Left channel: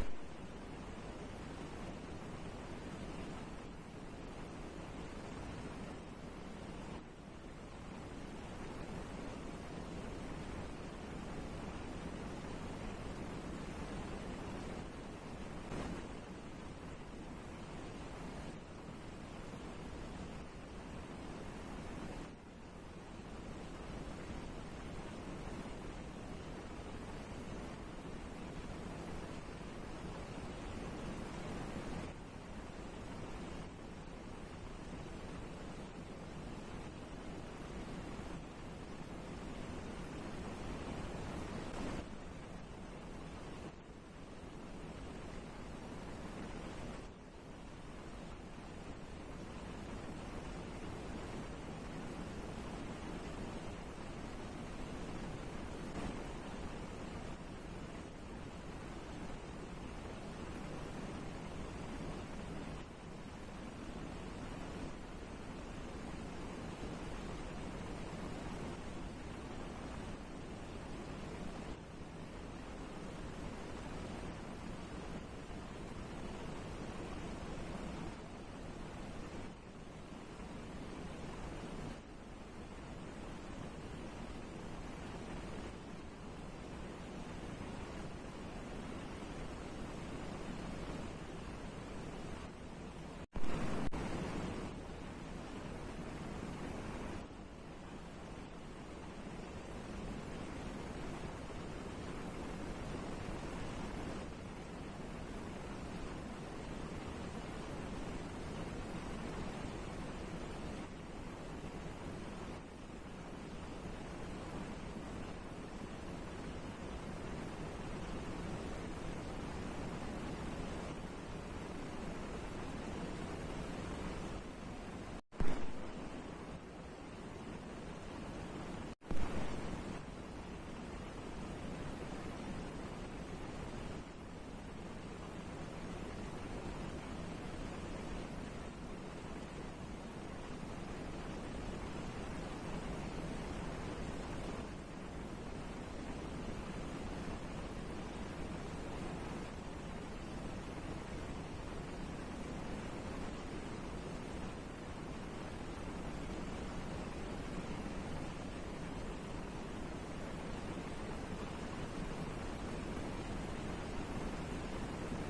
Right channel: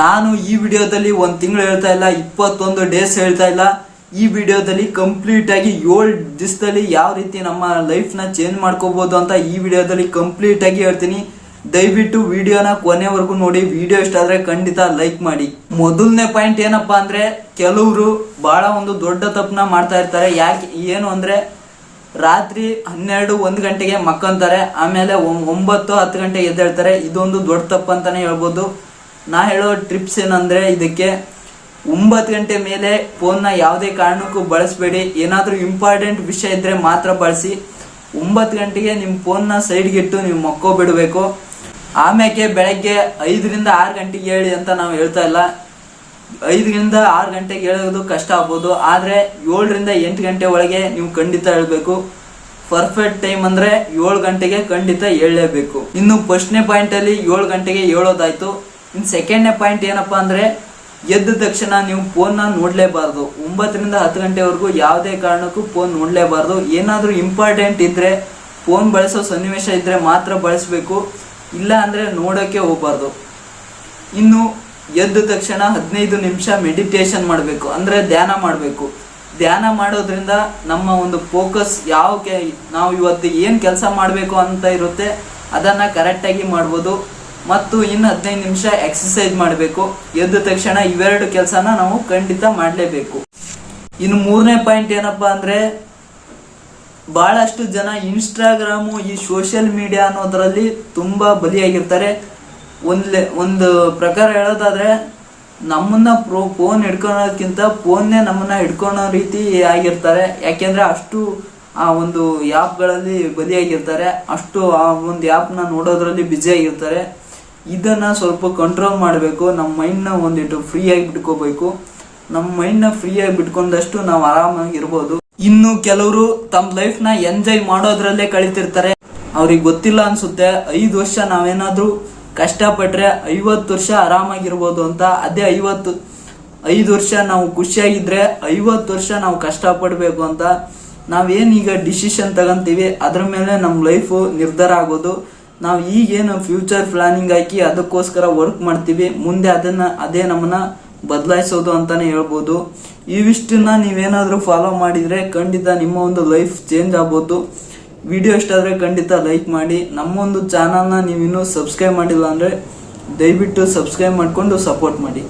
ನಾನು ಈ ವಿಡಿಯೋದಲ್ಲಿ 1 ತಿಂಗಳು ಹೇಳ್ತಾ ಇಲ್ಲ, 21 ಡೇಸ್ ಹೇಳ್ತಾ ಇಲ್ಲ. ಈ ವಿಡಿಯೋದಲ್ಲಿ ಕಂಪ್ಲೀಟ್ ಆಗಿ 7 ದಿವಸದಲ್ಲಿ ಯಾವ ರೀತಿ ನಮ್ಮ ಲೈಫ್ ನ ಚೇಂಜ್ ಮಾಡ್ಕೋಬಹುದು ಅಂತ ಈ ವಿಡಿಯೋದಲ್ಲಿ ಕಂಪ್ಲೀಟ್ ಆಗಿ ಹೇಳ್ತೀನಿ. ದಯವಿಟ್ಟು ವಿಡಿಯೋನ ಕೊನೆವರೆಗೂ ನೋಡಿ. ವಿಡಿಯೋ ಇಷ್ಟ ಆದ್ರೆ ಖಂಡಿತ ಲೈಕ್ ಮಾಡಿ. ಮೊದಲನೇ ಪಾಯಿಂಟ್ ಏನಪ್ಪಾ ಅಂದ್ರೆ, ಕೆಲವರು ಬಹಳ ಒಂದು ದೊಡ್ಡ ತಪ್ಪನ್ನ ಮಾಡ್ತಾ ಇರ್ತಾರೆ. ಯಾಕೆ ಏನು ಅಂದ್ರೆ, ರಾತ್ರಿ 12-1 ಗಂಟೆಗೆ ಮಕ್ಕಂತಾರೆ, ಆಮೇಲೆ 9-10 ಗಂಟೆಗೆ ಎದ್ದೇಳ್ತಾರೆ. ಇದೊಂದು ದೊಡ್ಡ ತಪ್ಪು ಅಂತಾನೆ ಹೇಳ್ಬೋದು. ನಾ ಹೇಳೋ ಟ್ರಿಪ್ಸ್ ಏನಂದ್ರೆ, ಇದಕ್ಕೆ 9 ಗಂಟೆ ಮೇಲೆ ಫೋನ್ನ ಯಾವುದೇ ಕಾರಣಕ್ಕೂ ಬಳಸಬೇಡಿ. ಏನಾದ್ರೂ ಇಂಪಾರ್ಟೆಂಟ್ ವಿಷಯ ಇದ್ರೆ ಮಾತ್ರ ಬಳಸಿ. 9 ಗಂಟೆಗೆ ನಿಮ್ಮ ಫೋನ್ನ ಸೈಡ್ಗೆ ಇಟ್ಟು ನೀವು ಮಕ್ಕೋಬಿಡ್ಬೇಕು. ಆಮೇಲೆ ಬೆಳಗ್ಗೆ 5ರಿಂದ 6 ಗಂಟೆಗೆ ಹೇಳಿ ಅಂತ ನಾವು ಹೇಳ್ತಾ ಇಲ್ಲ. 5ರಿಂದ 6 ಗಂಟೆಗೆ ಹೇಳೋದು ಕಷ್ಟ ಆಗ್ಬೋದು, ಆದ್ರೆ 7ರಿಂದ 8 ಗಂಟೆ ಒಳಗೆ ನೀವು ಖಂಡಿತ ಹೇಳ್ಬೇಕು. ಪರ್ಫೆಕ್ಟ್ ಟೈಮ್ ಅಂದ್ರೆ 7 ಗಂಟೆಗೆ ಖಂಡಿತ ಹೇಳಲೇಬೇಕು. ಇನ್ನು ಫಸ್ಟ್ನೇ ಪಾಯಿಂಟ್ ಅಲ್ಲಿ 7 ಗಂಟೆಗೆ ಹೇಳೋದಾಯ್ತು. ಇನ್ನು ಸೆಕೆಂಡ್ನೇ ಪಾಯಿಂಟ್ ಏನಪ್ಪಾ ಅಂದ್ರೆ, ಎದ್ದ ತಕ್ಷಣ ನೀವು ಫೋನ್ನ ನೋಡ್ಲೇಬಾರ್ದು. 9ರಿಂದ 10 ಗಂಟೆವರೆಗೂ ಯಾವುದೇ ಕಾರಣಕ್ಕೂ ಫೋನ್ ನೋಡ್ಲೇಬಾರ್ದು. ಏನಾದ್ರೂ ಇಂಪಾರ್ಟೆಂಟ್ ಇದ್ರೆ, ಫೋನ್ ಬಳಸೋ ಸನ್ನಿವೇಶ ಇದ್ರೆ ಮಾತ್ರ ಬಳಸಬೇಕು, ಇಲ್ಲ ಅಂದ್ರೆ ನೋಡೋಕೆ ಹೋಗ್ಬಾರ್ದು. ಇನ್ನು ಎದ್ದ ತಕ್ಷಣ 15 ನಿಮಿಷ ಮೆಡಿಟೇಷನ್ ಮಾಡಬೇಕು, ಅಂದ್ರೆ ಧ್ಯಾನ ಮಾಡಬೇಕು. ಧ್ಯಾನ ಮಾಡೋದ್ರಿಂದ ನಮ್ಮ ಒಂದು ಫೋಕಸ್ ನಾವು ಇವತ್ತು ಏನ್ ಕೆಲಸ ಮಾಡಬೇಕು ಅಂತ ಇರುತ್ತೆ ಅದನ್ನ ಕರೆಕ್ಟಾಗಿ ಮಾಡ್ಬೋದು. ಮತ್ತು ಇನ್ನು 15 ನಿಮಿಷ ಎಕ್ಸಸೈಸ್ ಮಾಡಬೇಕು. ಎದ್ದ ತಕ್ಷಣ ಇವೆರಡು ಕೆಲಸನ ನಾವು ಖಂಡಿತ ಮಾಡಲೇಬೇಕು. ಇನ್ನು 3ನೇ ಪಾಯಿಂಟ್ ಏನಪ್ಪಾ ಅಂದ್ರೆ, ಬಹಳಷ್ಟು ಜನ ಇನ್ಸ್ಟಾಗ್ರಾಮು, ಈ ಸೋಷಿಯಲ್ ಮೀಡಿಯಾ ಅನ್ನೋದ್ರಲ್ಲಿ ತುಂಬಾ ಬಲಿಯಾಗಿರ್ತಾರೆ. ಒಂದು ಪ್ರಕಾರ ಹೇಳೋದಾದ್ರೆ, ನಮ್ಮನ್ನ ಫೋನ್ ಹಿಡ್ಕೊಳೋದಕ್ಕಿಂತ ಫೋನ್ನೇ ನಮ್ಮನ್ನ ಹಿಡ್ಕೊಳೋ ರೀತಿ ಆಗಿರ್ತಾರೆ. ಯಾಕೆಂದ್ರೆ ಅಷ್ಟು ಆ ಒಂದು ಆ್ಯಪ್ಗಳಲ್ಲಿ ಬಲಿಯಾಗಿರ್ತಾರೆ, ಅಷ್ಟು ಆ ಒಂದು ಆ್ಯಪ್ನ ನೋಡೋದ್ರಲ್ಲಿ ಬ್ಯುಸಿ ಆಗಿರ್ತಾರೆ. ಇದನ್ನ ಸ್ವಲ್ಪ ಕಂಟ್ರೋಲ್ ಮಾಡಬೇಕು. ನಮ್ಮ ಮೈಂಡ್ನ ಒಂದಿಟ್ಟು ಫ್ರೀ ಆಗಿ ಬಿಟ್ಕೋಬೇಕು. ನಮ್ಮ ಮೈಂಡ್ನ ಫ್ರೀ ಆಗಿ ಬಿಟ್ಕೊಂಡಷ್ಟು ನಾವು ಆರಾಮಾಗಿ ಇರ್ಬೋದು. ಇನ್ನು ಕೆಲವರು ತಮ್ಮ ಲೈಫ್ನ ಎಂಜಾಯ್ ಮಾಡೋದ್ರಲ್ಲೇ ಕಳಿತಿರ್ತಾರೆ. ಅವ್ರಿಗೆ ಗೊತ್ತಿಲ್ಲ ಅನ್ಸುತ್ತೆ, 5 ವರ್ಷ ನಾವೇನಾದ್ರೂ ಕಷ್ಟಪಟ್ರೆ 50 ವರ್ಷ ಆರಾಮಾಗಿರ್ಬೋದು ಅಂತ. ಅದೇ 5 ವರ್ಷ ನಾವು ಖುಷಿಯಾಗಿದ್ರೆ 50 ವರ್ಷ ನಾವು ಕಷ್ಟಪಡ್ಬೇಕು ಅಂತ. ನಾವೇನೀಗ ಡಿಸಿಷನ್ ತಗೊಂತೀವಿ ಅದ್ರ ಮೇಲೆ ನಮ್ಮ ಲೈಫು ನಿರ್ಧಾರ ಆಗೋದು. ನಾವು ಈಗೇನು ಫ್ಯೂಚರ್ ಪ್ಲಾನಿಂಗ್ ಹಾಕಿ ಅದಕ್ಕೋಸ್ಕರ ವರ್ಕ್ ಮಾಡ್ತೀವಿ, ಮುಂದೆ ಅದೇ ನಮ್ಮನ್ನ ಬದಲಾಯಿಸೋದು ಅಂತಾನೆ ಹೇಳ್ಬೋದು. ಇವಿಷ್ಟನ್ನ ನೀವೇನಾದ್ರೂ ಫಾಲೋ ಮಾಡಿದ್ರೆ ಖಂಡಿತ ನಿಮ್ಮ ಒಂದು ಲೈಫ್ ಚೇಂಜ್ ಆಗ್ಬೋದು. ವಿಡಿಯೋ ಇಷ್ಟ ಆದ್ರೆ ಖಂಡಿತ ಲೈಕ್ ಮಾಡಿ. ನಮ್ಮೊಂದು ಚಾನಲ್ನ ನೀವಿನ್ನೂ ಸಬ್ಸ್ಕ್ರೈಬ್ ಮಾಡಿಲ್ಲ ಅಂದ್ರೆ ದಯವಿಟ್ಟು ಸಬ್ಸ್ಕ್ರೈಬ್ ಮಾಡ್ಕೊಂಡು ಸಪೋರ್ಟ್ ಮಾಡಿ.